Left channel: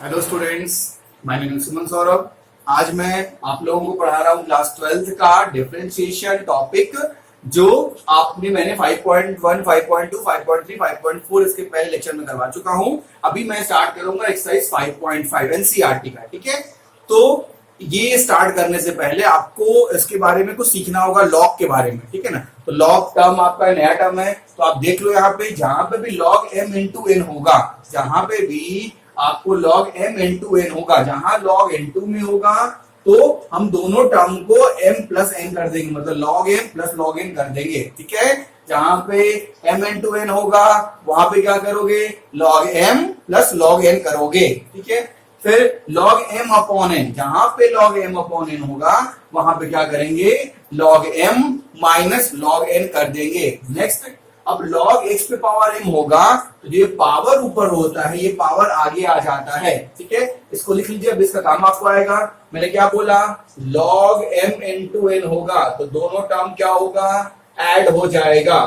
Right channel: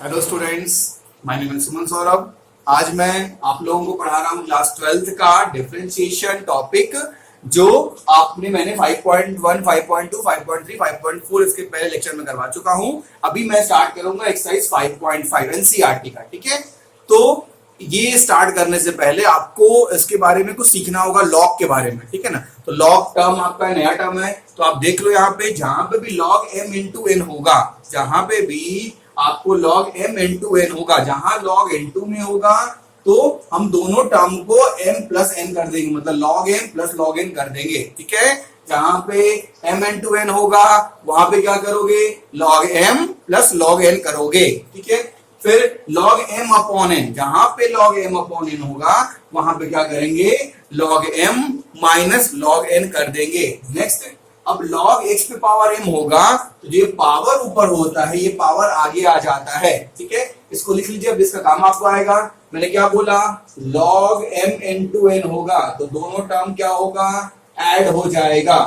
Hello students, my name is Suman Saurabh. आज मैं आप लोगों को पढ़ा रहा हूँ क्लास 12th का डिफरेंशिएशन टॉपिक, जो मैंने 5.1, 5.2, 5.3, 5.4 इसके पहले लेक्चर में करवा चुका हूँ। अभी मैं स्टार्ट करूंगा एक्सरसाइज 5.5 एनसीईआरटी का। ठीक है, तो ये स्टार्ट करने से पहले आपको इसके बारे में कुछ सीखना होगा, लॉग के बारे में। ठीक है ना, तो लॉग टर्म आपका नया टर्म है, तो आप देख लो यहाँ पे जहां पे भी लॉग m इंटू एन होगा, जहां पे भी आपको log m इंटू एन होगा, जहां log n2 में होगा तो हम दोनों टर्म को m प्लस n कर देंगे, मतलब log m plus log n कर देंगे। ठीक है, जहां पे m इंटू एन होगा वहां पे क्या करोगे, log m plus log n करोगे। ठीक है, फिर log m अपॉन n, जहां पे log m अपॉन n होगा वहां पे क्या करेंगे, log m minus log n कर देंगे। नेक्स्ट, अब log x पे पावर m होगा तो ये पावर ऊपर होता है, ये पावर आगे आ जाता है। ठीक है, इसको लिख लीजिए, अब इसका काम आपको आएगा। मैंने क्या बोला, log m इंटू एन होगा तो दोनों टर्म क्या होगा, ऐड हो जाएगा।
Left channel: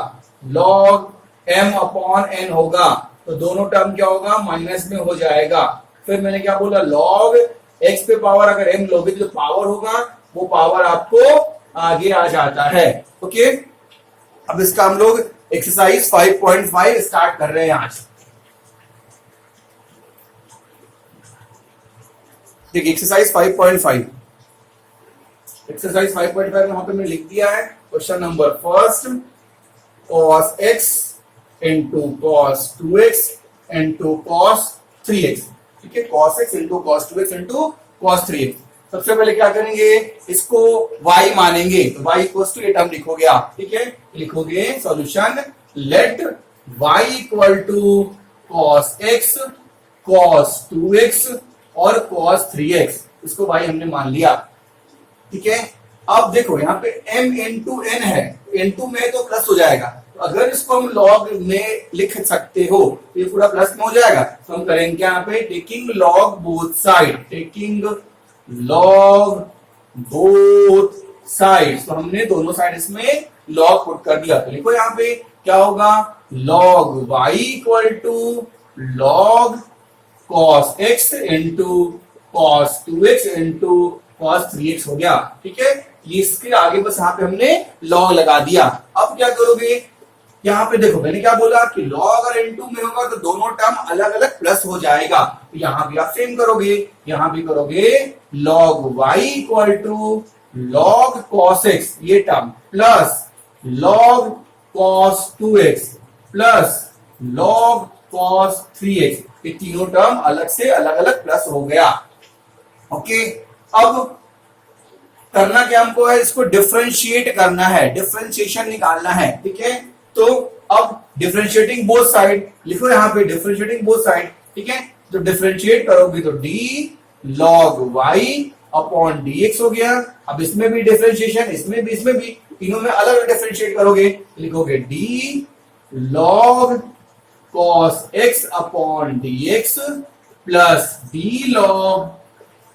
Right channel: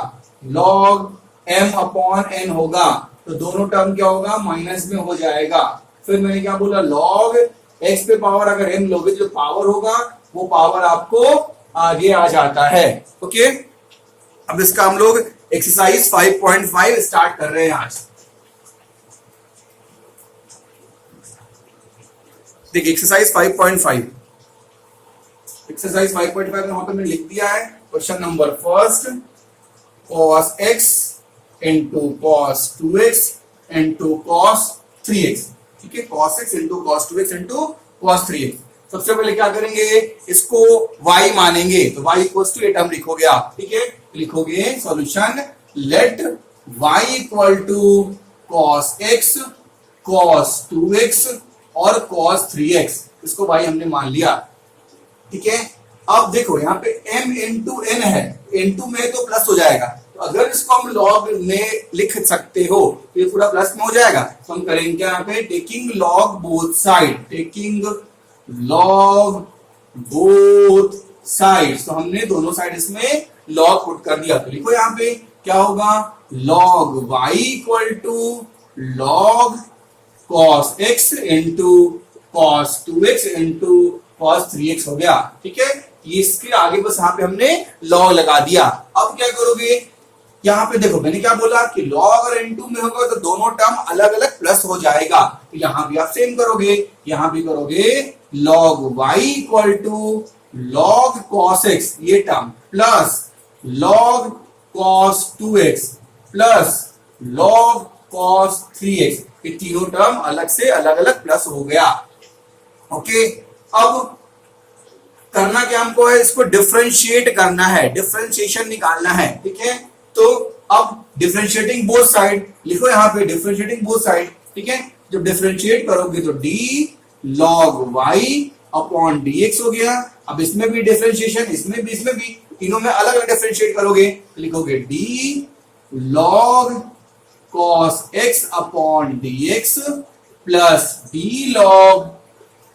log m अपॉन n होगा तो दोनों टर्म क्या होगा, माइनस में हो जाएगा। फिर मैंने क्या बोला, log x पे पावर अगर m लोगे तो पावर होगा, वो पावर आपको आगे आ जाता है। ओके, अब इसका हम लोग एक्सरसाइज 5.5 स्टार्ट कर रहे हैं आज। देखिए एक्सरसाइज 5.5, एक्सरसाइज 5.5 वहां पे मैंने लिख दिया है। Question number first, cos x into cos 2x into cos 3x। ठीक है, cos x into cos 2x into cos 3x। सबसे पहले क्या करेंगे, इसको y मानेंगे, तो y इक्वल टू ये टर्म लिखोगे आप। ठीक है, लिखोगे solution, let y equal to cos x, cos 2x और cos 3x, इसको y हमने मान लिया। ठीक है, अब देखो यहाँ पे m इंटू n है, n2 में तो प्लस हो जाएगा, तो अगर इसको हम लॉग में लिख सकते हो तो ये पूरा प्लस में हो जाएगा। तो हम करेंगे क्या, यहाँ पे taking log both side, taking log both sides, तो हमने दोनों साइड इसमें लॉग पुट कर दिया। तो लिखो यहाँ पे क्या होगा, log y equal to log cos x into cos 2x into cos 3x हो गया। ठीक है, ये इसके आगे बस यहाँ पे हमने log लगा दिया। अब क्या करोगे, यहाँ पे देखो मैंने क्या बोला कि log अगर n2 में होगा तो दोनों टर्म अलग अलग प्लस हो जाएगा, तो यहाँ भी आप सेम करोगे, यहाँ भी करोगे log y equal to log cos x ये term plus log cos 2x plus log cos 3x, ये तीनों टर्म अलग से अलग अलग प्लस हो गया। ओके, अब करना क्या हमको है, इसको डिफरेंशिएट करना है, डिफरेंशिएशन निकालना है। ठीक है, तो अब डिफरेंशिएटिंग बोथ साइड लिखो यहाँ पे, डिफरेंशिएटिंग बोथ साइड। ठीक है, जब डिफरेंशिएट करोगे तो d log y upon dx हो गया। अब इसमें भी डिफरेंशिएशन, इसमें भी तीनों में अलग अलग डिफरेंशिएट करोगे, लिखोगे d log cos x upon dx plus d log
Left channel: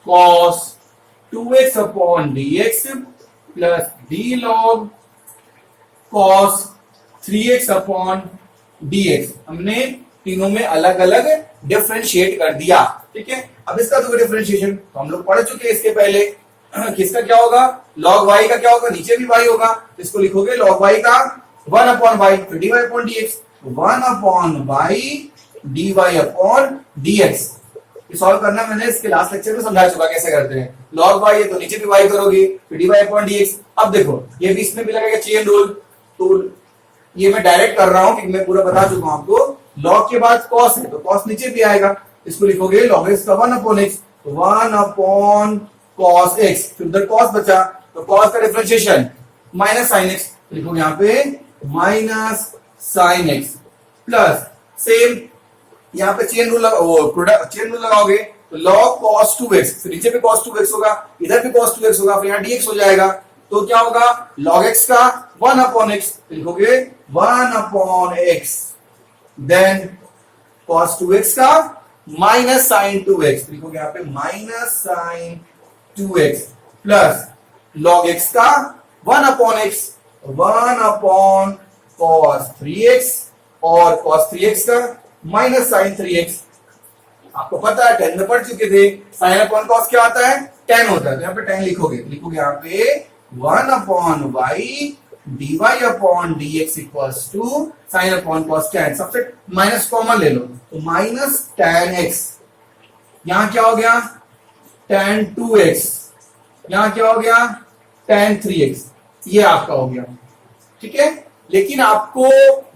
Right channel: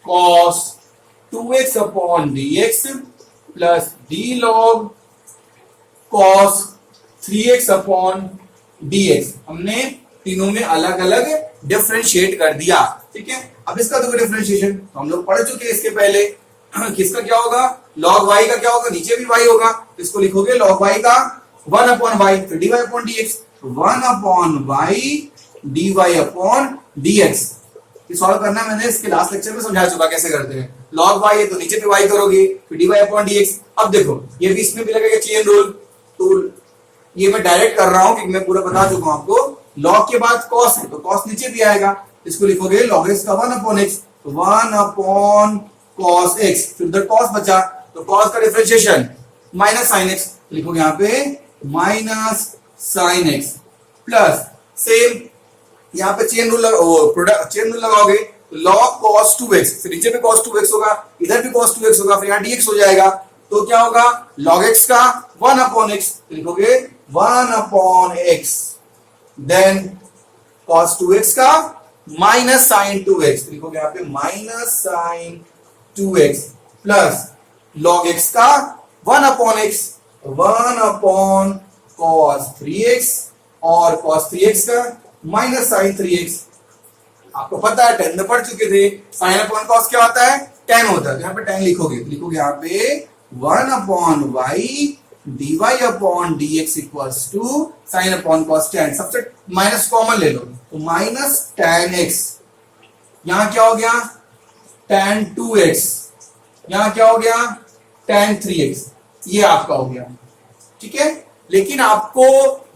cos 2x upon dx plus d log cos 3x upon dx। हमने तीनों में अलग अलग डिफरेंशिएट कर दिया। ठीक है, अब इसका तो डिफरेंशिएशन तो हम लोग पढ़ चुके हैं इसके पहले। किसका क्या होगा, log y का क्या होगा, नीचे भी y होगा, तो इसको लिखोगे log y का 1 अपॉन y, तो dy upon dx, 1 upon y dy upon dx। ये सॉल्व करना मैंने इसके लास्ट लेक्चर में समझा चुका कैसे करते हैं। log y है तो नीचे भी y करोगे, फिर dy अपॉन dx। अब देखो ये भी इसमें भी लगेगा चेन रूल, तो ये मैं डायरेक्ट कर रहा हूं क्योंकि मैं पूरा बता चुका हूं आपको। log के बाद cos है तो cos नीचे भी आएगा, इसको लिखोगे log x का 1 upon x, 1 upon cos x, फिर उधर cos बचा तो cos का डिफरेंशिएशन माइनस sin x, लिखोगे यहाँ पे minus sin x plus same यहाँ पे चेन रूल लगाओगे तो log cos 2x, फिर नीचे भी cos 2x होगा, इधर भी cos 2x होगा, फिर यहाँ dx हो जाएगा, तो क्या होगा log x का 1 अपॉन x, लिखोगे 1 upon x, then cos 2x का माइनस साइन 2x, लिखोगे यहाँ पे minus sine 2x plus log x का 1 upon x, 1 upon cos 3x और cos 3x का माइनस साइन 3x। आपको पता है 10 में पढ़ चुके थे, साइन अपॉन कॉस क्या होता है, 10 होता है। तो यहाँ पे 10 लिखोगे यहाँ पे 1 upon y dy upon dx equals to sine upon cos 10। सबसे माइनस कॉमन ले लो, तो माइनस tan x, यहां क्या हो गया tan 2x, यहां क्या हो गया tan 3x, ये आपका हो गया। ठीक है, लेकिन आपको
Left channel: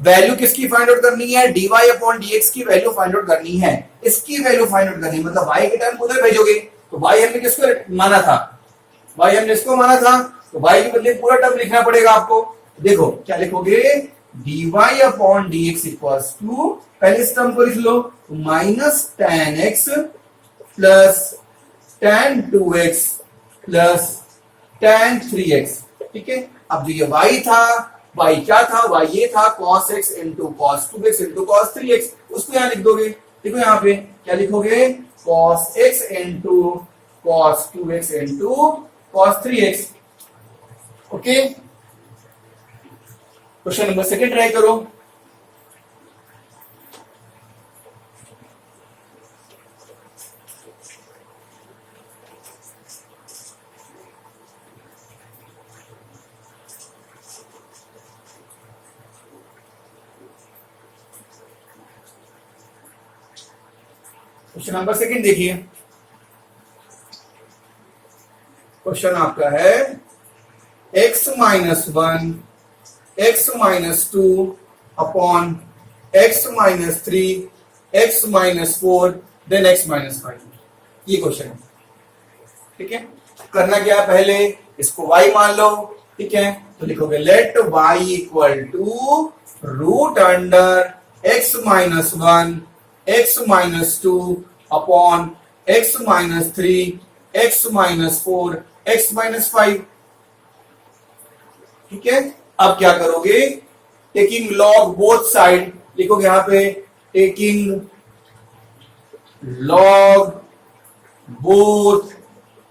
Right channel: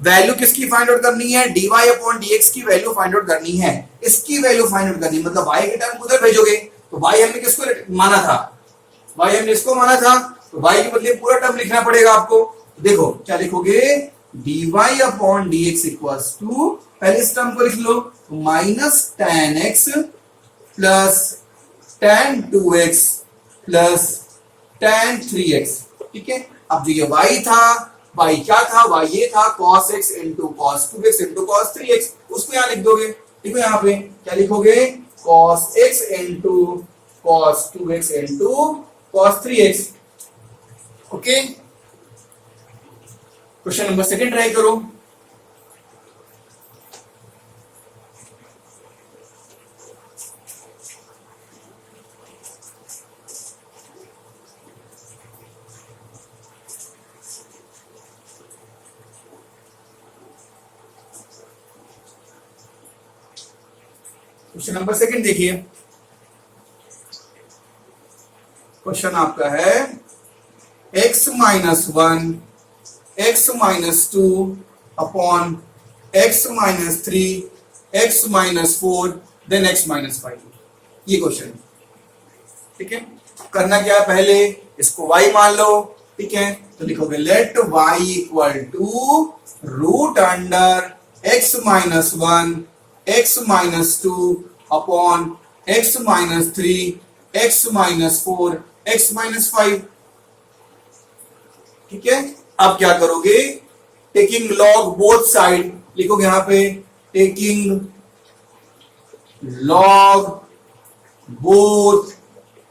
वैल्यू किसकी फाइंड आउट करनी है, dy अपॉन dx की वैल्यू फाइंड आउट करनी है, इसकी वैल्यू फाइंड आउट करनी है। मतलब y के टर्म उधर भेजोगे, तो y हमने किसको माना था, y हमने इसको माना था, तो y के बदले पूरा टर्म लिखना पड़ेगा आपको। देखो क्या लिखोगे, dy upon dx equals to, पहले इस टर्म को लिख लो, तो minus tan x plus tan 2x plus tan 3x। ठीक है, अब जो ये y था, y क्या था, y ये था cos x into cos 2x into cos 3x, उसको यहां लिख दोगे। देखो यहाँ पे क्या लिखोगे, cos x into cos 2x into cos 3x। Okay, question number second try करो। क्वेश्चन नंबर सेकंड देखिए, क्वेश्चन आपका है x minus 1 x minus 2 upon x minus 3 x minus 4 then x minus 5, ये क्वेश्चन है। ठीक है, करना क्या, पहले इसको y मान लो। ठीक है, तो लिखोगे let y equal to root under x minus 1 x minus 2 upon x minus 3 x minus 4 x minus 5। ठीक है, अब क्या करोगे, टेकिंग लॉग बोथ साइड, लिखोगे यहां पे टेकिंग लॉग बोथ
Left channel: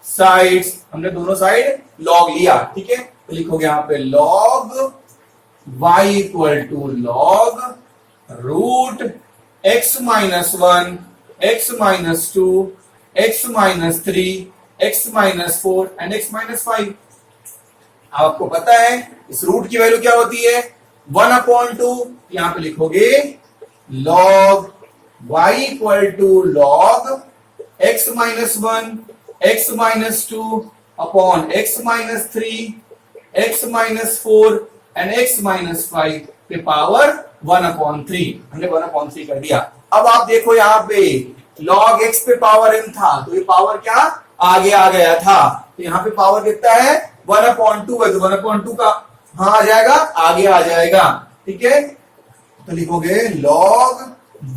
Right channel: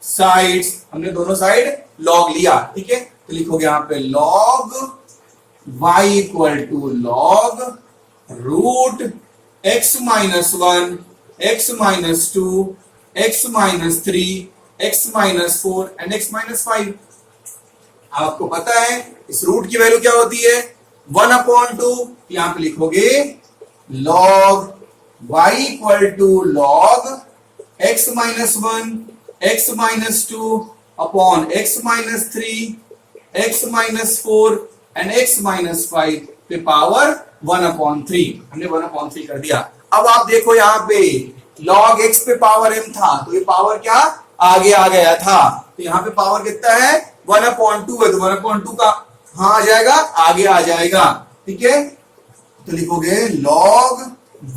साइड्स, हमने दोनों साइड लॉग लिया। ठीक है, तो लिखोगे यहां पे log y equal to log root x minus 1 x minus 2 x minus 3 x minus 4 and x minus 5। आपको पता है इस रूट की वैल्यू क्या होती है, 1 अपॉन 2। यहां पे लिखोगे log y equal to log x minus 1 x minus 2 upon x minus 3 x minus 4 and x minus 5 पे पावर 1 अपॉन 3। हमने 1 अपॉन 3 कर दिया। अब आप देखो यहाँ पे log x पे पावर m था, तो ये पावर क्या आगे आ गया था, तो यहाँ पे पावर कितना है 1 अपॉन 2 है, तो 1 अपॉन 2 का हाँ आ जाएगा, आगे आ जाएगा। ठीक है, तो लिखोगे log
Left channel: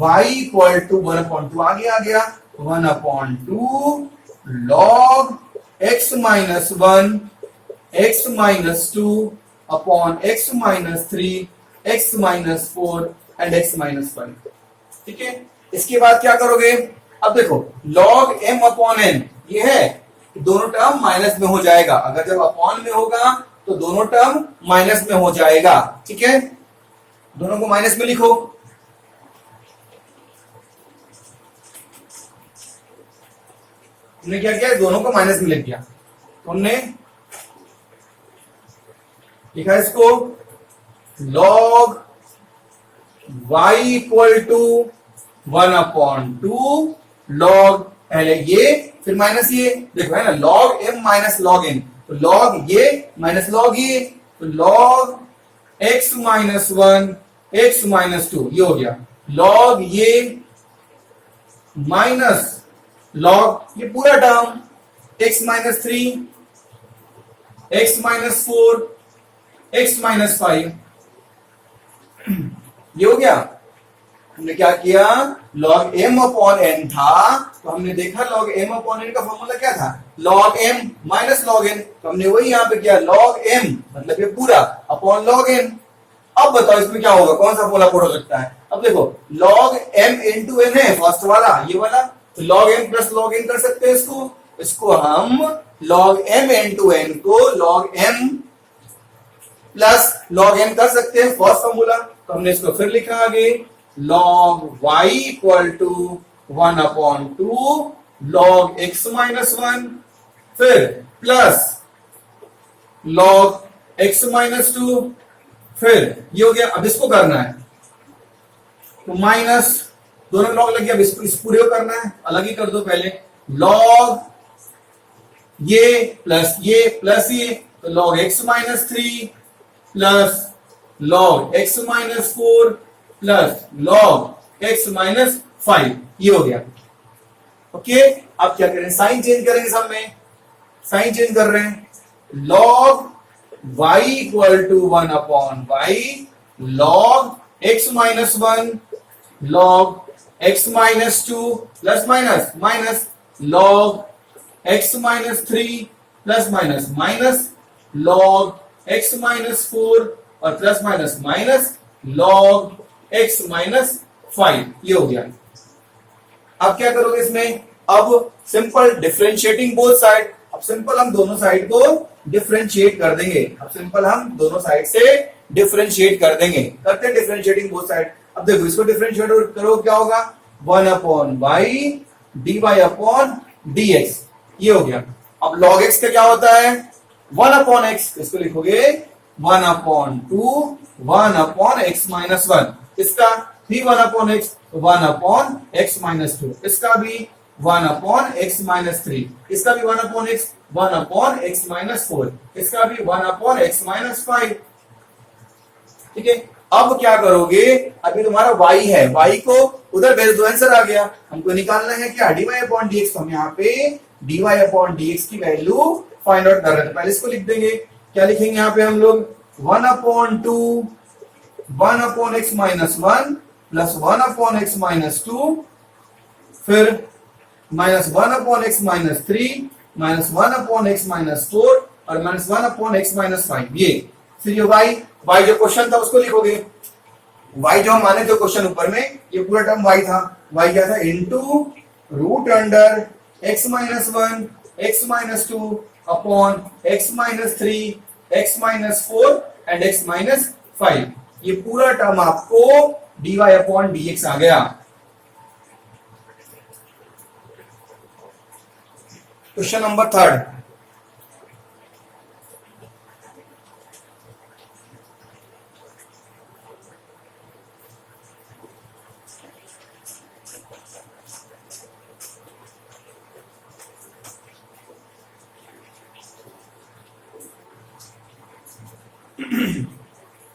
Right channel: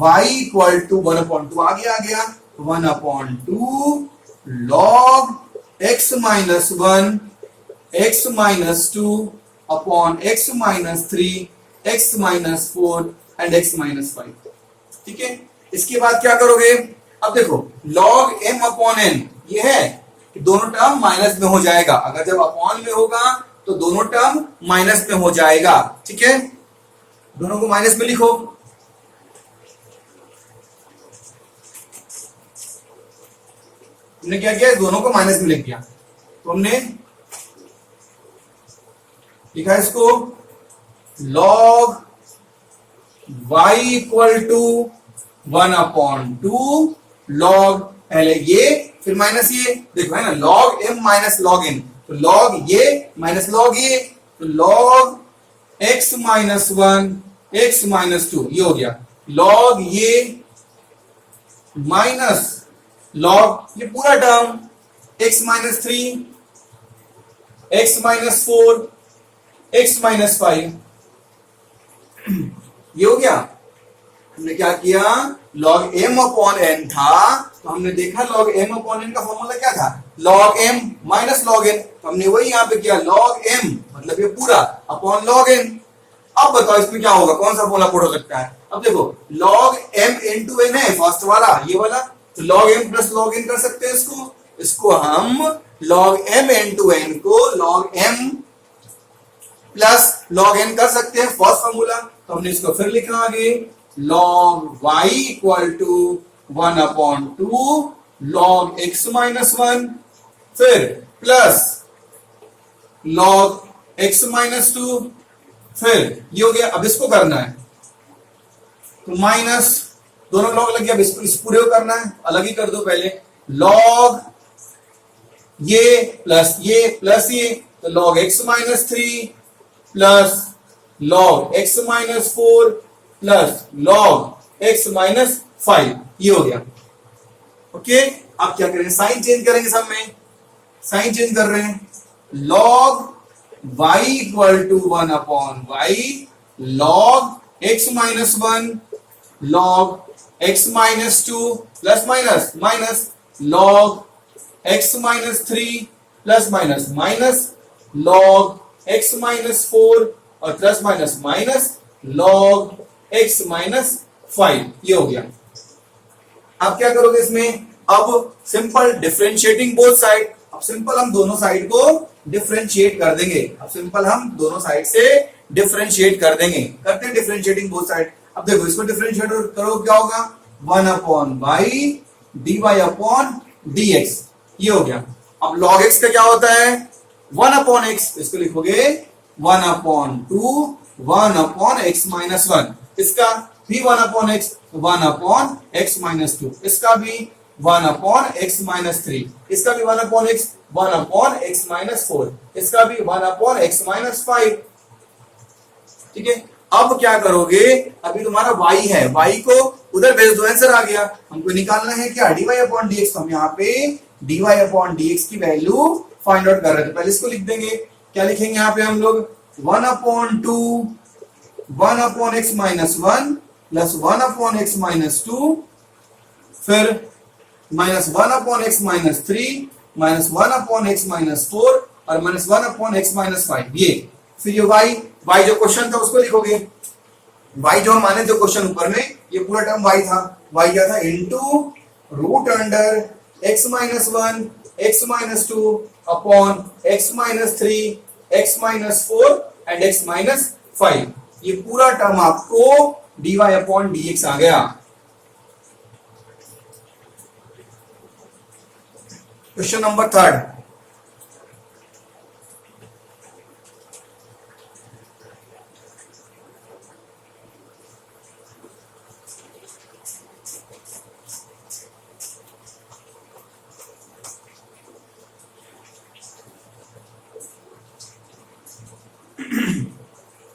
y equal to 1 upon 2 आगे आ गया, 1 upon 2 log x minus 1 x minus 2 upon x minus 3 x minus 4 and x minus 5। ठीक है, इसके बाद क्या करोगे, अब देखो log m अपॉन n ये है कि दोनों टर्म माइनस में हो जाएगा, अगर जब अपॉन में होगा तो दोनों टर्म माइनस में हो जाएगा। ठीक है, दोनों को माइनस में लिखो। हमने क्या किया, दोनों को माइनस में लिख दिया, तो हमने लिखा इसको log y equal to 1 upon 2 log, पहले ये फिर माइनस ये, देखो है ना log m minus log n, तो log ये माइनस log ये, तो log x minus 1 x minus 2 ये हो गया, log ये माइनस log ये पूरा term x minus 3 x minus 4 x minus 5 ये हो गया। हमने क्या किया, log m अपॉन n था, तो हमने देखा log m अपॉन n का फॉर्मूला क्या था, log m minus log n, तो हमने वही यहां पे किया log m मतलब ये पूरा अपॉन log n। अब बताओ इसमें क्या होगा, कौन सा फॉर्मूला पुट हो सकता है। अब देखो log m इंटू n है फर्स्ट वाला, ये वाला, तो log m plus log n कर सकते हैं इसको हम log m इंटू n को log m plus log n कर सकते हैं फर्स्ट फॉर्मूला, तो हमने इसको फिर लिखा आगे log y equal to 1/2 log x minus 1, फिर प्लस log x माइनस 2, फिर ये हो गया। अब इसको करना है तो माइनस, दोनों लॉग लग गया। अब इसको इस पूरे को करना है, अलग ही कर दो पहले। लॉग ये प्लस ये, तो log x minus 3 plus log x minus 4 plus log x minus 5, ये हो गया। ओके, अब क्या करें, साइन चेंज करेंगे सब में। साइन चेंज कर रहे हैं, log y equal to 1/y log x minus 1 log x minus 2 plus minus minus log x minus 3 plus minus minus log x minus 4 और plus minus minus log x minus 5, ये हो गया। अब क्या करोगे इसमें, अब सिंपल डिफरेंशिएटिंग बोथ साइड। अब सिंपल हम दोनों साइड को डिफरेंशिएट कर देंगे। अब सिंपल हम दोनों साइड से डिफरेंशिएट कर देंगे। करते हैं डिफरेंशिएटिंग बोथ साइड। अब देखो इसको डिफरेंशिएट करो, क्या होगा, 1/y dy/dx, ये हो गया। अब log x का क्या होता है, 1/x, इसको लिखोगे 1/2 1/x माइनस 1, इसका भी 1/x, 1/x माइनस 2, इसका भी 1/x माइनस 3, इसका भी 1/x, 1/x माइनस 4, इसका भी 1/x माइनस 5। ठीक है, अब क्या करोगे, अभी तुम्हारा y है, y को उधर भेज दो, आंसर आ गया। हमको निकालना है क्या, dy/dx। तो हम यहाँ पे dy/dx की वैल्यू फाइंड आउट कर रहे थे। पहले इसको लिख देंगे, क्या लिखेंगे यहाँ पे हम लोग, 1/2 1/x minus 1 plus 1/x minus 2, फिर minus 1/x minus 3 minus 1/x minus 4 और माइनस 1/x माइनस 5, ये। फिर ये y जो क्वेश्चन था उसको लिखोगे। y जो हम माने थे क्वेश्चन ऊपर में, ये पूरा टर्म y था। y क्या था, into root under x minus 1 x minus 2 upon x minus 3 x minus 4 and x minus 5, ये पूरा टर्म आपको dy/dx आ गया। Question number 3।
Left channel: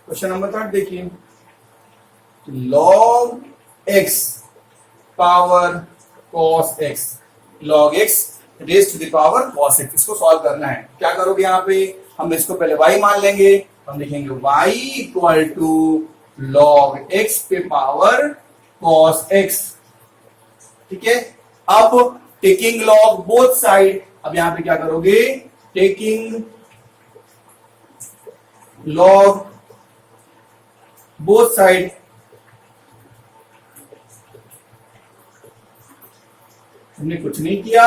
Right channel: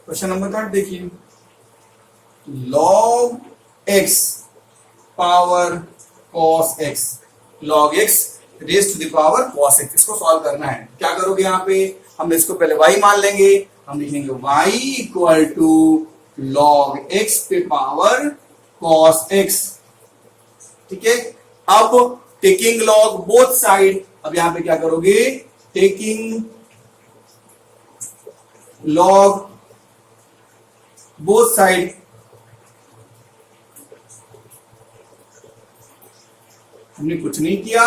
क्वेश्चन नंबर 3 देखिए, log x power cos x, log x raise to the power cos x, इसको solve करना है। क्या करोगे, यहाँ पे हम इसको पहले y मान लेंगे, हम लिखेंगे y equal to log x पे पावर cos x। ठीक है, अब टेकिंग log बोथ साइड, अब यहां पे क्या करोगे, टेकिंग log बोथ साइड, हमने कुछ नहीं किया,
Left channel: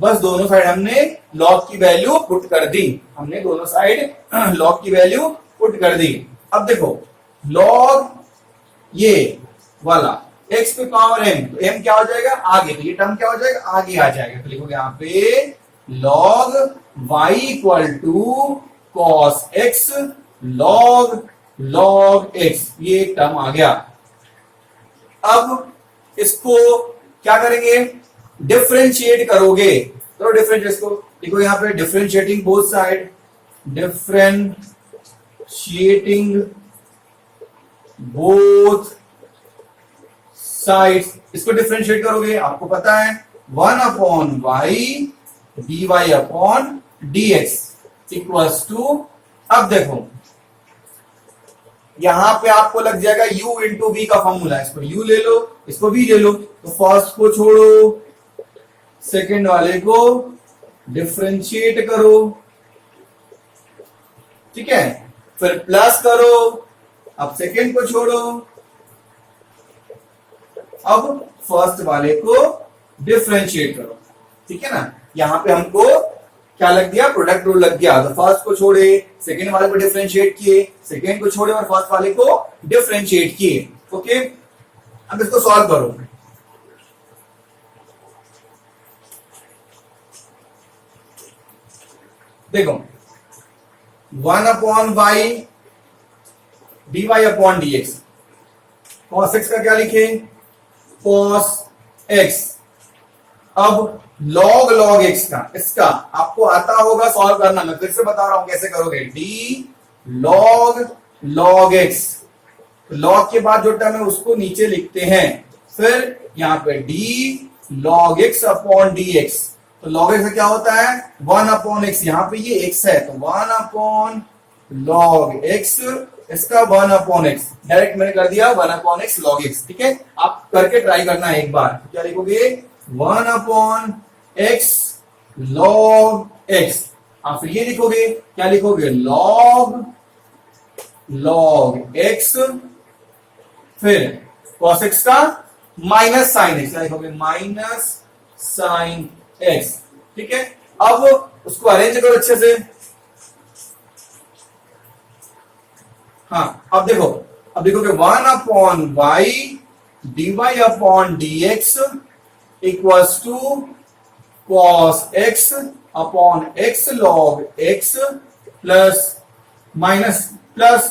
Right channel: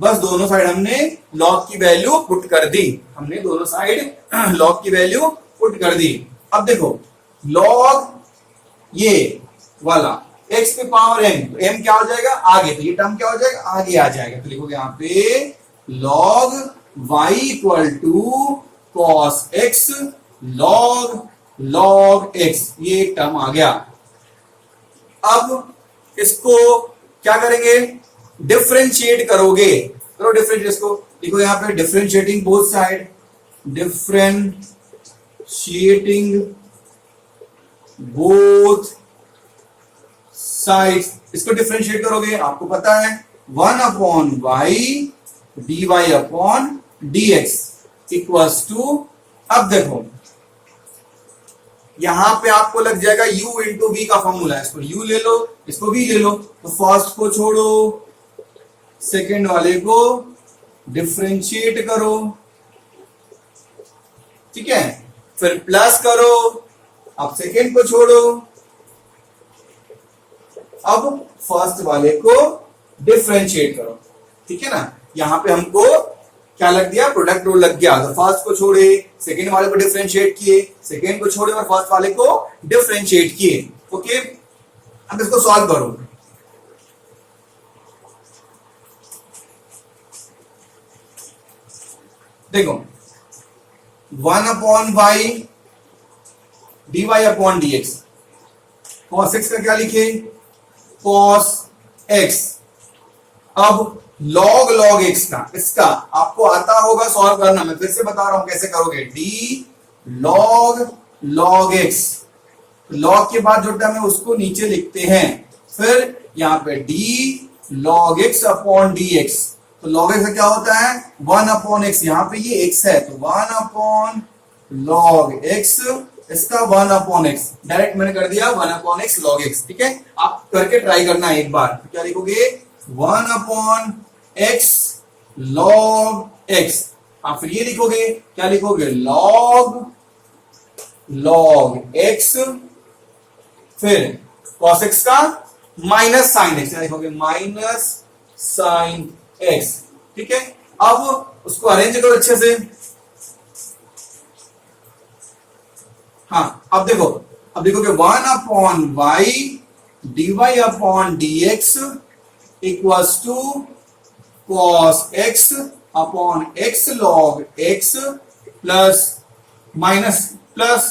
बस दोनों साइड हमने log की वैल्यू पुट कर दी। हमने दोनों साइड log की वैल्यू पुट कर दी। अब देखो log ये वाला x पे पावर m, तो m क्या हो जाएगा आगे, तो ये टर्म क्या हो जाएगा आगे आ जाएगा। तो लिखोगे यहाँ पे log y equal to cos x log x, ये एक टर्म आ गया। अब इसको क्या करेंगे, डिफरेंशिएट करोगे। करो डिफरेंशिएट, इसको लिखो यहाँ पे differentiating both side, differentiating both sides, इसको डिफरेंशिएट करोगे, आपको पता है 1/y dy/dx इक्वल्स टू, अब देखो यहां पे आपको लग जाएगा u इंटू v का फॉर्मूला है, इसको u ले लो, इसको v ले लो, तो फर्स्ट को छोड़ो, सेकंड वाले को डिफरेंशिएट करो, ठीक है, फिर प्लस करो, अब सेकंड को छोड़ो, अब फर्स्ट वाले को डिफरेंशिएट करो, ठीक है ना। यहां पे हमको क्या लग गया, प्रोडक्ट रूल लग गया। तो फर्स्ट को छोड़े, सेकंड वाले को डिफरेंशिएट किए, सेकंड को छोड़े और फर्स्ट वाले को डिफरेंशिएट किए। ओके, अब इसको सॉल्व करो। देखो 1/y dy upon dx, cos x का क्या लिखे, cos x। अब log x का, इसका आपको आता होगा सॉल्व करना, मैं फिर से बता रहा हूं कैसे करोगे, d log x, log के बाद जो टर्म है उसको नीचे लिखते हैं, फिर यहाँ पे d log x upon dx, तो log x का क्या होता है 1/x, यहाँ पे ये x है तो 1 log x, इसका 1/x, डायरेक्ट मैंने कर दिया 1/x log x, ठीक है। आप करके ट्राई करना है एक बार, तो क्या लिखोगे 1/x log x, आप फिर ये लिखोगे, क्या लिखोगे log x, फिर cos x का माइनस साइन x, क्या लिखोगे माइनस साइन x, ठीक है। अब उसको अरेंज करो अच्छे से, हाँ अब देखो, अब लिखोगे 1/y dy upon dx equals to cos x upon x log x plus minus plus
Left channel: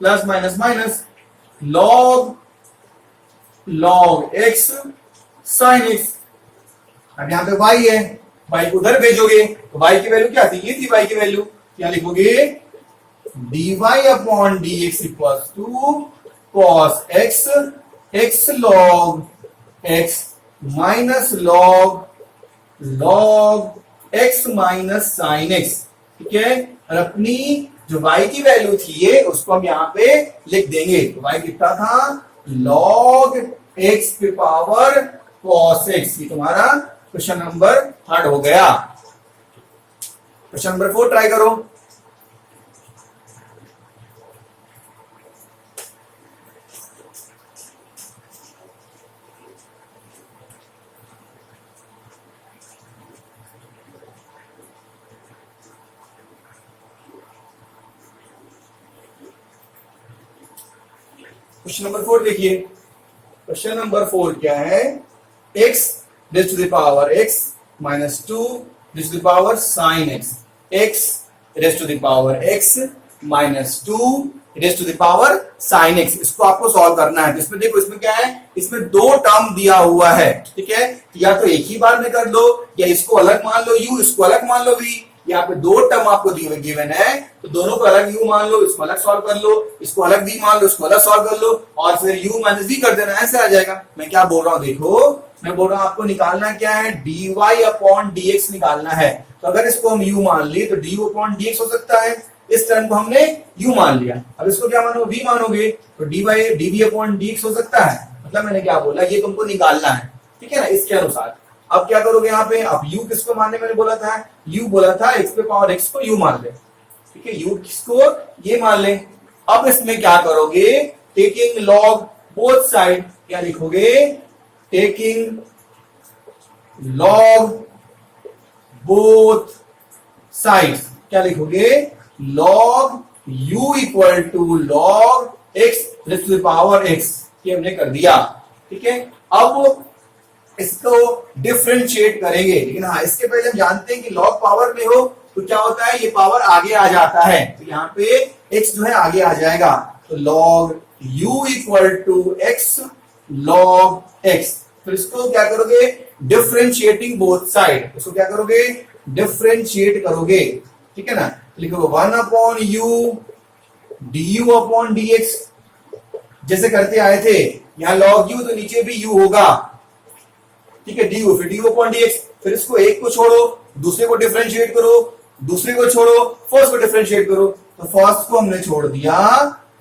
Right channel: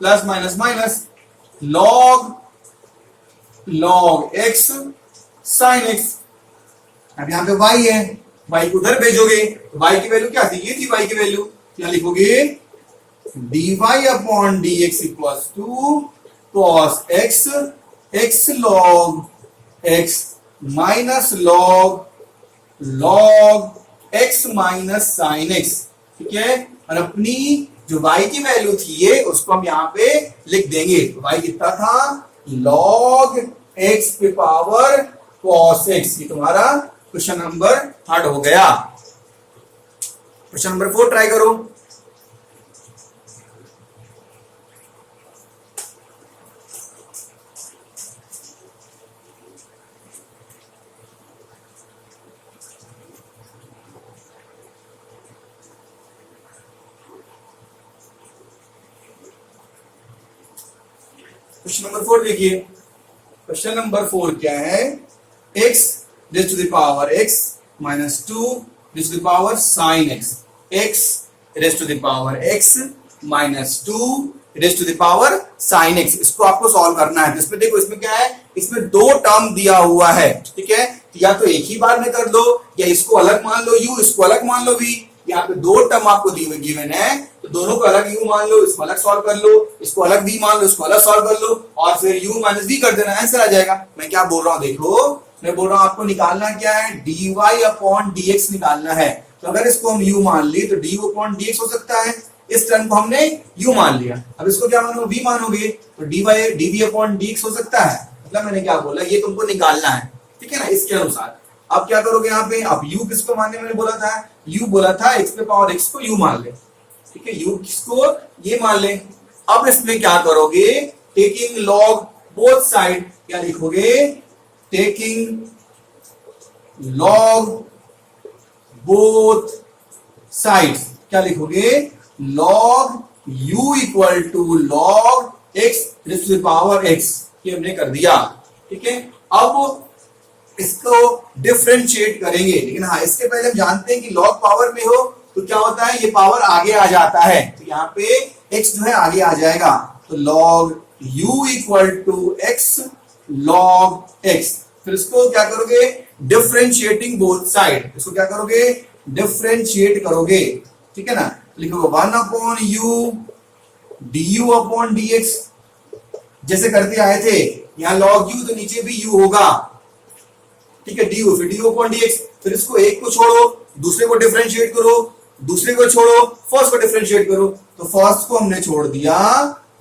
plus minus minus log x sin x। अब यहां पे y है, y को उधर भेजोगे तो y की वैल्यू क्या थी, ये थी y की वैल्यू, क्या लिखोगे dy upon dx equals to cos x x log x minus log x minus sin x, ठीक है। और अपनी जो y की वैल्यू थी ये, उसको हम यहां पे लिख देंगे, तो y कितना था log x के पावर cos x, ये तुम्हारा क्वेश्चन नंबर 3 हो गया। क्वेश्चन नंबर 4 ट्राई करो। क्वेश्चन नंबर 4 देखिए, क्वेश्चन नंबर 4 क्या है, x raise to the power x minus 2 raise to the power sine x, x raise to the power x minus 2 raise to the power sine x, इसको आपको solve करना है। तो इसमें देखो, इसमें क्या है, इसमें 2 टर्म दिया हुआ है, ठीक है, या तो एक ही बार में कर दो, या इसको अलग मान लो u, इसको अलग मान लो v। यहाँ पे 2 टर्म आपको गिवन है, तो दोनों को अलग u मान लो, इसको अलग सॉल्व कर लो, इसको अलग v मान लो, इसको अलग सॉल्व कर लो, और फिर u माइनस v कर देना, आंसर आ जाएगा। मैं क्या बोल रहा हूं देखो, मैं बोल रहा हूं आपको निकालना क्या है, dy अपॉन dx निकालना है। तो अगर इसको हम u मान ली तो du अपॉन dx हो सकता है, इस टर्म को हमने u मान लिया, अब इसको क्या मानोगे v मानोगे, तो dv अपॉन dx हो सकता है। मतलब मैंने क्या बोला, ये तुमको निकालना है, ठीक है ना, इसके अनुसार। अब क्या करोगे यहाँ पे, अब u किसको मानने मैंने बोला था, u बोला था x पे पावर x को u मान ले, ठीक है, u किसको ये मान ले। अब इसमें क्या करोगे, टेकिंग लॉग बोथ साइड, क्या लिखोगे, टेकिंग लॉग बोथ साइड्स, क्या लिखोगे log u equal to log x raise to the power x, ये हमने कर दिया, ठीक है। अब इसको डिफरेंशिएट करेंगे, लेकिन हाँ इसके पहले हम जानते हैं कि log पावर में हो तो क्या होता है, ये पावर आगे आ जाता है, तो यहाँ पे x जो है आगे आ जाएगा, तो log u equal to x log x। फिर इसको क्या करोगे, डिफरेंशिएटिंग बोथ साइड, इसको क्या करोगे, डिफरेंशिएट करोगे, ठीक है ना। लिखोगे 1/u du अपॉन dx, जैसे करते आए थे, यहां log u तो नीचे भी u होगा, ठीक है, du, फिर du अपॉन dx, फिर इसको एक को छोड़ो, दूसरे को डिफरेंशिएट करो, दूसरे को छोड़ो, फर्स्ट को डिफरेंशिएट करो, तो फर्स्ट को हमने छोड़ दिया,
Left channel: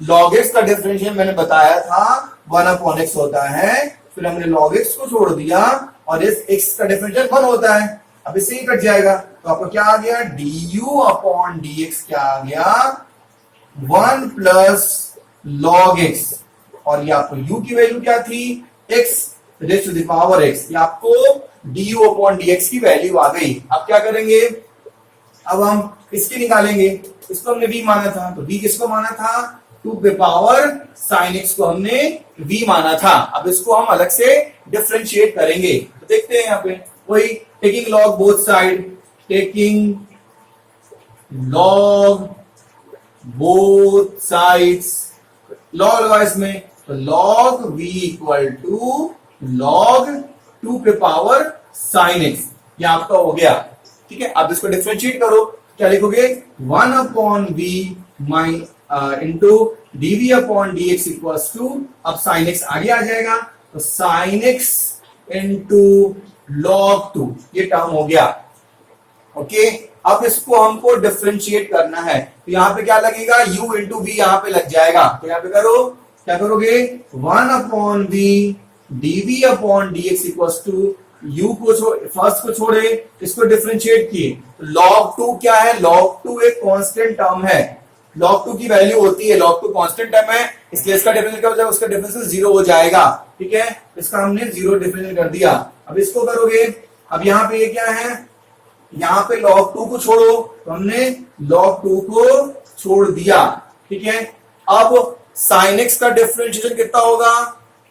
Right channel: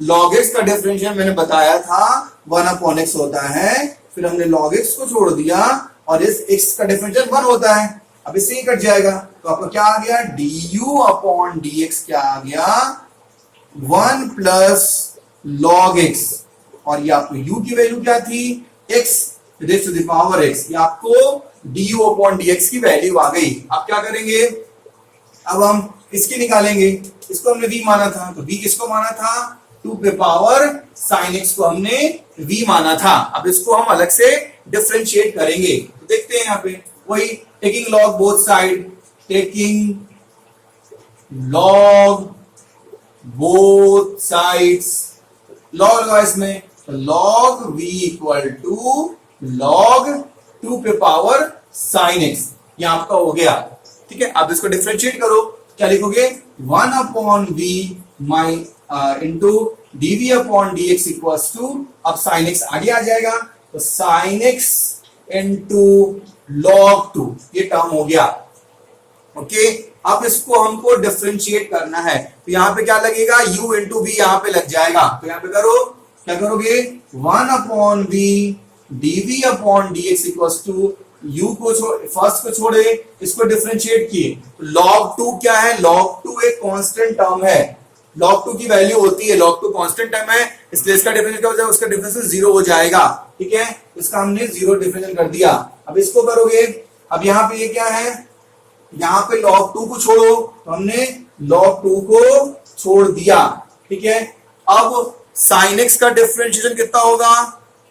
log x का डिफरेंशिएट मैंने बताया था 1/x होता है, फिर हमने log x को छोड़ दिया, और इस x का डिफरेंशिएट 1 होता है, अब इससे ही कट जाएगा, तो आपको क्या आ गया, du अपॉन dx क्या आ गया 1 प्लस log x, और ये आपको u की वैल्यू क्या थी, x raise to the power x, ये आपको du अपॉन dx की वैल्यू आ गई। अब क्या करेंगे, अब हम इसकी निकालेंगे, इसको हमने v माना था, तो v किसको माना था, 2 के पावर sin x को हमने v माना था। अब इसको हम अलग से डिफरेंशिएट करेंगे, तो देखते हैं यहाँ पे वही taking log both side, taking log both sides, log लगा इसमें, तो log v equal to log 2 पे पावर साइन x, ये आपका हो गया। ठीक है, आप इसको डिफरेंशिएट करो, क्या लिखोगे 1 upon v my into dv upon dx equals to, अब साइन x आगे आ जाएगा, तो साइन x इंटू लॉग 2, ये टर्म हो गया। ओके, अब इसको हमको डिफरेंशिएट करना है, तो यहां पे क्या लगेगा u इंटू वी यहां पे लग जाएगा, तो यहां पे करो, क्या करोगे 1 upon v dv upon dx equals to, u को फर्स्ट को छोड़े, इसको डिफरेंशिएट किए, log 2 क्या है, log 2 एक कांस्टेंट टर्म है, log 2 की वैल्यू होती है, log 2 कांस्टेंट टर्म है, इसलिए इसका डिफरेंशियल क्या हो जाएगा, उसका डिफरेंशियल 0 हो जाएगा। ठीक है, इसका हमने 0 डिफरेंशियल कर दिया। अब इसको करोगे, अब यहाँ पे ये क्या है, यहाँ पे log 2 को छोड़ो, तो हमने log 2 को छोड़ दिया। ठीक है, अब sin x का डिफरेंशिएशन कितना होगा,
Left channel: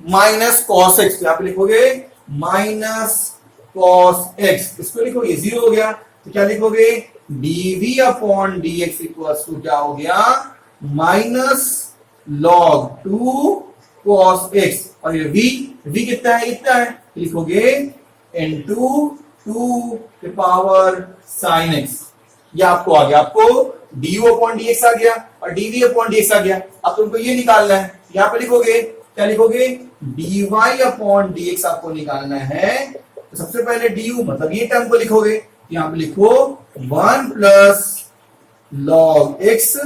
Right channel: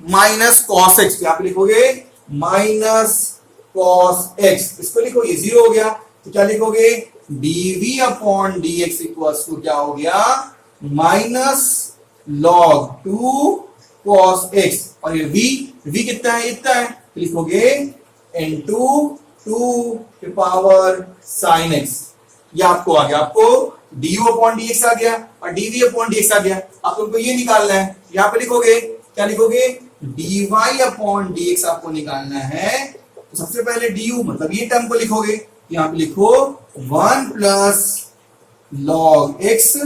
माइनस कॉस एक्स, यहाँ पे लिखोगे माइनस कॉस एक्स, इसको लिखो, ये 0 हो गया, तो क्या लिखोगे dv upon dx equals to क्या हो गया, माइनस लॉग 2 कॉस एक्स, और ये v कितना है, इतना है, तो लिखोगे इनटू 2 के पावर साइन एक्स, ये आपको आ गया, आपको du अपॉन dx आ गया और dv अपॉन dx आ गया। अब तुमको ये निकालना है, यहां पे लिखोगे, क्या लिखोगे dy अपॉन dx आपको निकालना है, तो सबसे पहले du मतलब ये टर्म को लिखोगे, यहां पे लिखो 1 plus log x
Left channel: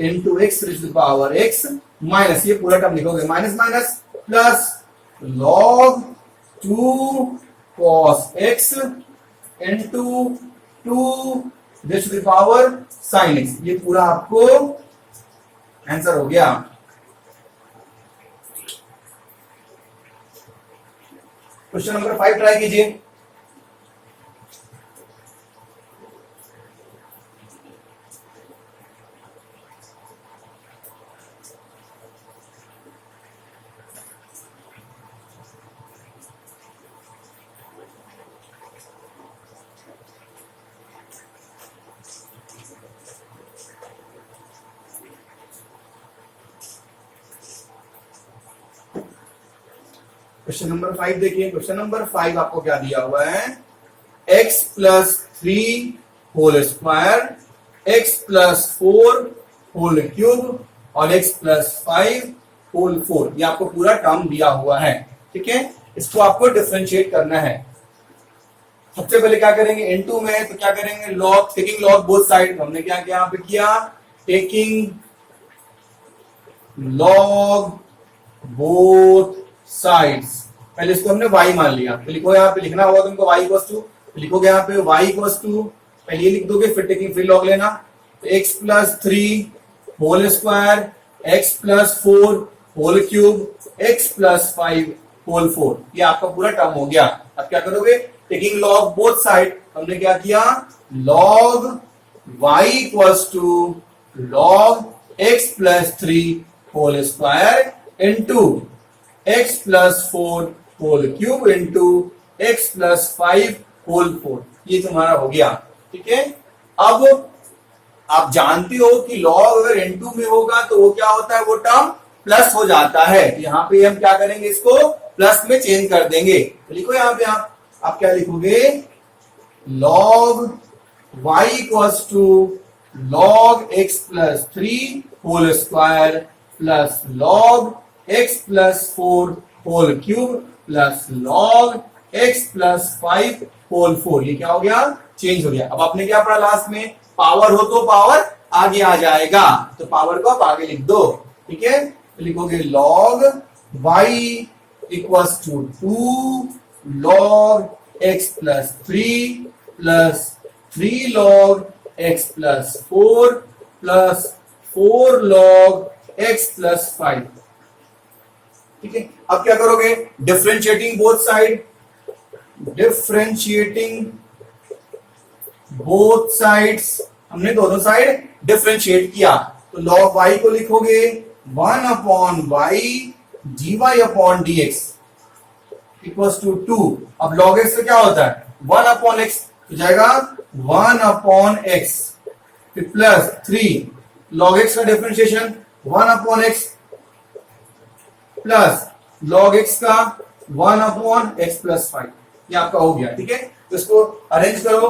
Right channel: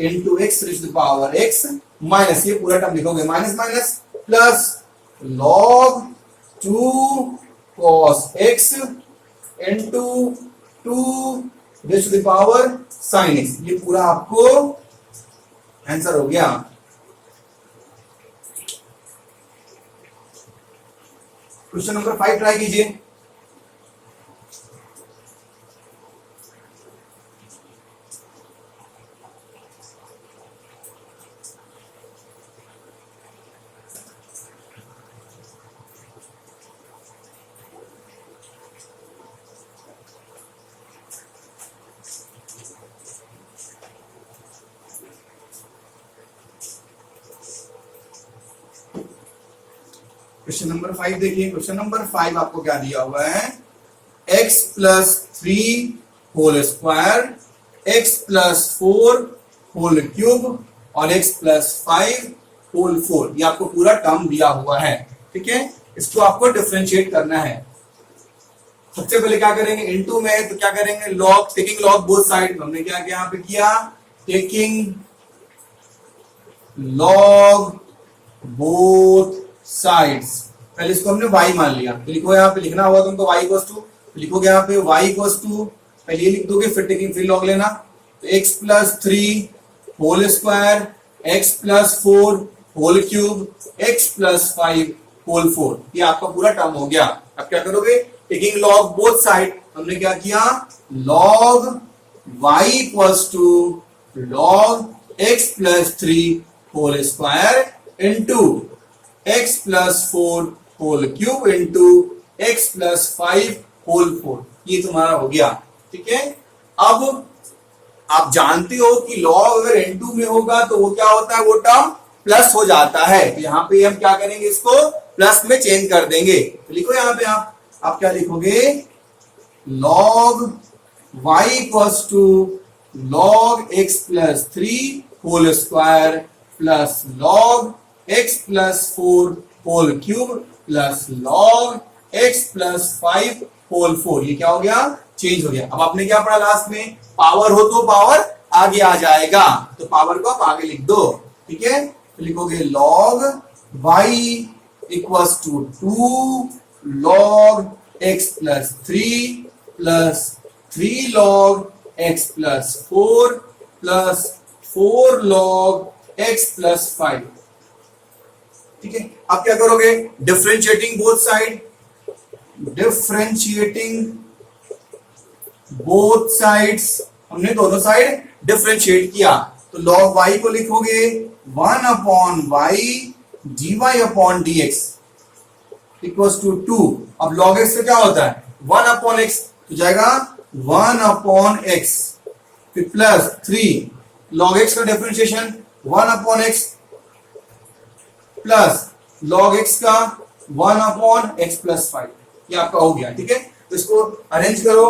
into x to the power x minus, ये पूरा टर्म लिखोगे, minus minus plus log 2 cos x into 2 raise to the power sine x, ये पूरा आपको आंसर हो गया। क्वेश्चन नंबर 5 ट्राई कीजिए। क्वेश्चन नंबर 5 देखिए, क्वेश्चन नंबर 5 आपको क्या दिया हुआ है, x plus 3 whole square, x plus 4 whole cube और x प्लस 5 होल 4, ये आपको पूरा टर्म दिया हुआ है। ठीक है, इसको आपको डिफरेंशिएट करना है। सबसे पहले क्या करेंगे, इनटू में तो क्या करेंगे, log, taking log both side, हमने क्या यहाँ पे किया, टेकिंग लॉग बोथ साइड्स, पहले इसको हमने y मान लिया, तो लिखो, यहाँ पे लिखना होगा तुमको y इक्वल्स टू, लिखोगे यहाँ पे y इक्वल्स टू, पहले ये लिख दोगे, फिर टेकिंग फिर लॉग लेना, x plus 3 whole square, x plus 4 whole cube, x plus 5 whole 4, ये आपका पूरा टर्म हो गया। अब क्या करोगे, टेकिंग लॉग बोथ साइड, हमने क्या किया, log y equals to log x plus 3 whole square into x plus 4 whole cube into x plus 5 whole 4, ये तुम्हारा हो गया। ठीक है, अब आप जानते हो कि लॉग अगर n2 में होगा तो वो क्या होता है, वो टर्म प्लस हो जाता है, तो यहां पे हम क्या करेंगे, इसको प्लस में चेंज कर देंगे, तो लिखो यहां पे आप क्या लिखोगे, log y equals to log x plus 3 whole square plus log x plus 4 whole cube plus log x plus 5 whole 4, ये क्या हो गया, चेंज हो गया। अब आपने क्या पढ़ा लास्ट में, पावर हो तो पावर आगे आ जाएगा, तो पावर को आप आगे लिख दो। ठीक है, तो लिखोगे log y equals to 2 log x plus 3 plus 3 log x plus 4 plus 4 log x plus 5। ठीक है, अब क्या करोगे, differentiating both side, differentiating both sides, हमने दोनों साइड डिफरेंशिएट किया, तो लॉग y को लिखोगे 1 upon y dy upon dx equals to 2। अब log x तो क्या होता है, 1 अपॉन x, तो जाएगा 1 अपॉन x फिर प्लस 3 log x का differentiation 1 upon x plus log x का 1 अपॉन x प्लस 5, ये आपका हो गया। ठीक है, तो इसको अरेंज करो।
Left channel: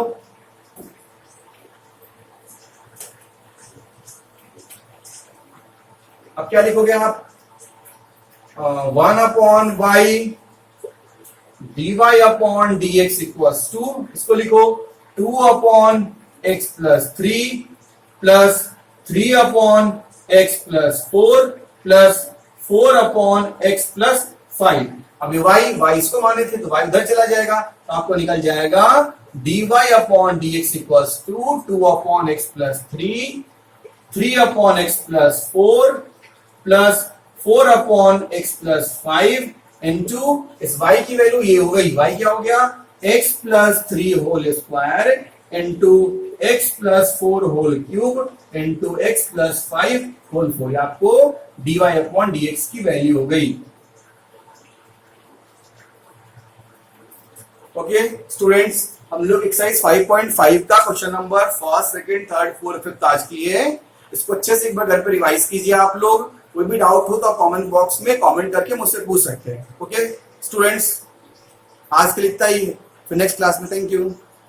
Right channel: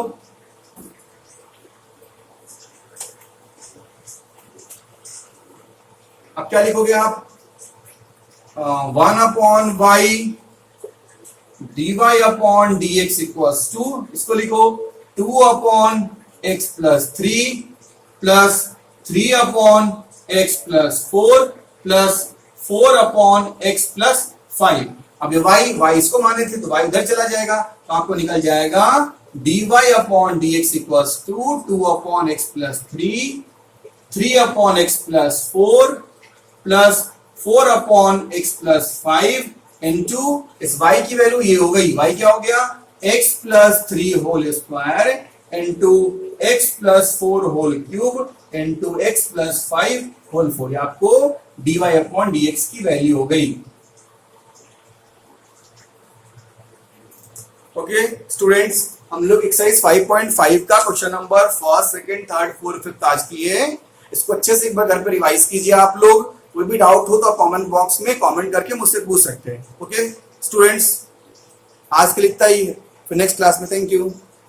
अब क्या लिखोगे आप? 1 upon y dy upon dx equals to, इसको लिखो 2 upon x plus 3 plus 3 upon x plus 4 plus 4 upon x plus 5। अब ये y इसको माने थे तो y उधर चला जाएगा, तो आपको निकल जाएगा dy upon dx equals to 2 upon x plus 3 upon x plus 4 plus 4 upon x plus 5 into इस y की वैल्यू ये हो गई, y क्या हो गया? x plus 3 whole square into x plus 4 whole cube into x plus 5 whole 4, आपको dy upon dx की वैल्यू हो गई। ओके स्टूडेंट्स, हम लोग एक्सरसाइज 5.5 का question number first, second, third, fourth, fifth आज किए। इसको अच्छे से एक बार घर पे रिवाइज कीजिए आप लोग। कोई भी डाउट हो तो आप कमेंट बॉक्स में कमेंट करके मुझसे पूछ सकते हैं। ओके स्टूडेंट्स, आज के लिए इतना ही, फिर नेक्स्ट क्लास में। Thank you.